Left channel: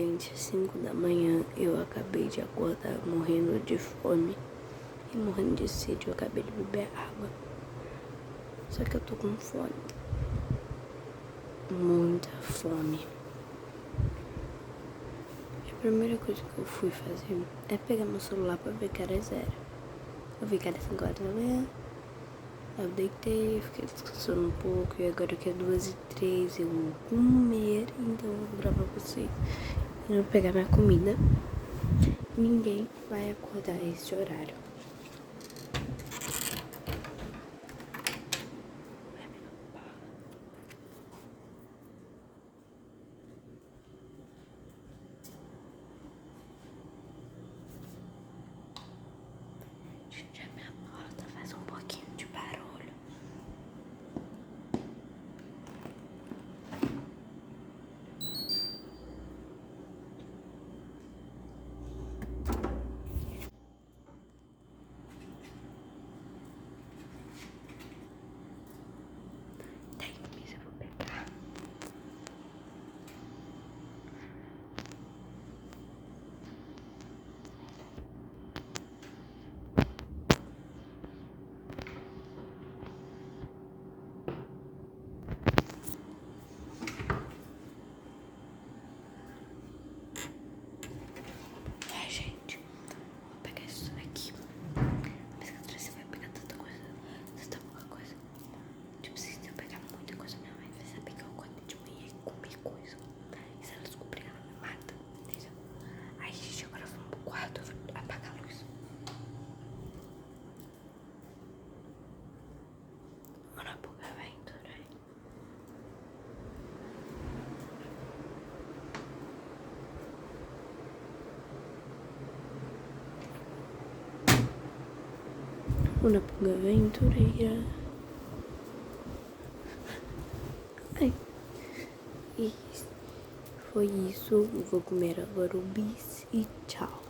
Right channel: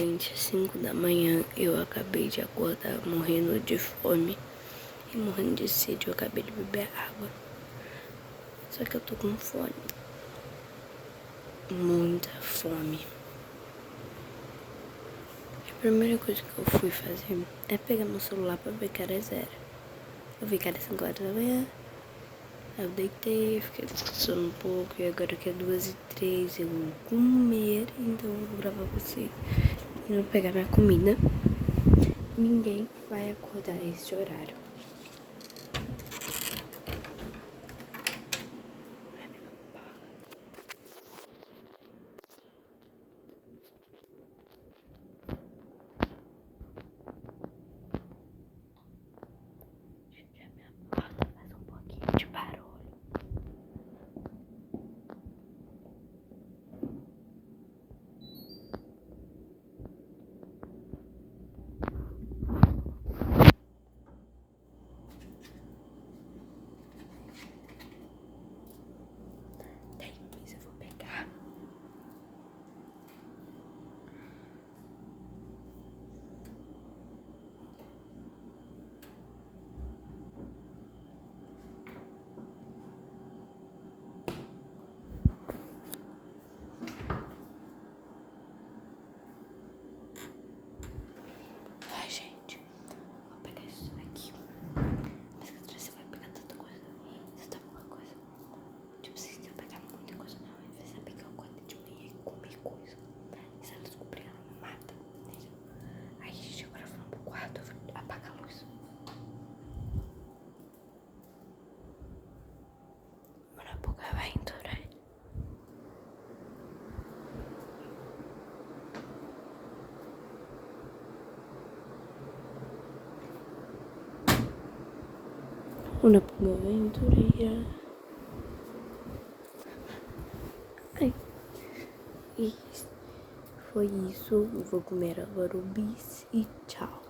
gente, 5 da manhã, eu acabei de acordar morrendo de fome e morrendo de sede. Eu acabei de beber água, só que eu tô com fome, muita fome. A primeira coisa que eu fui fazer é pegar meu celular pra ver que era 0. Eu vi que era 5 horas da manhã, aí eu deitei, fiquei descansando um pouco, e agora que é 2h03, eu vou comer, então eu vou gravar pra vocês. E vou pegar minha comida. Ninguém vai acordar esse horário. Gente, a minha porta faz um pouquinho de barulho. Tem que eu vou pegar. Ai, gente, vou pegar isso aqui. Mas que você vai pegar tanta coisa. Você tá pouca coisa. Tipo, se eu pegar muita coisa, minha mãe vai saber que eu acordei de manhã e comi coisa. E se ela descobrir, ela me mata. Entendeu? Aí, gente, agora vamos pro quarto. Eu vou apagar a luz. Una poca aventura. Una poca aventureira. Ai. E foi isso. Vou comer agora o bis e tchau.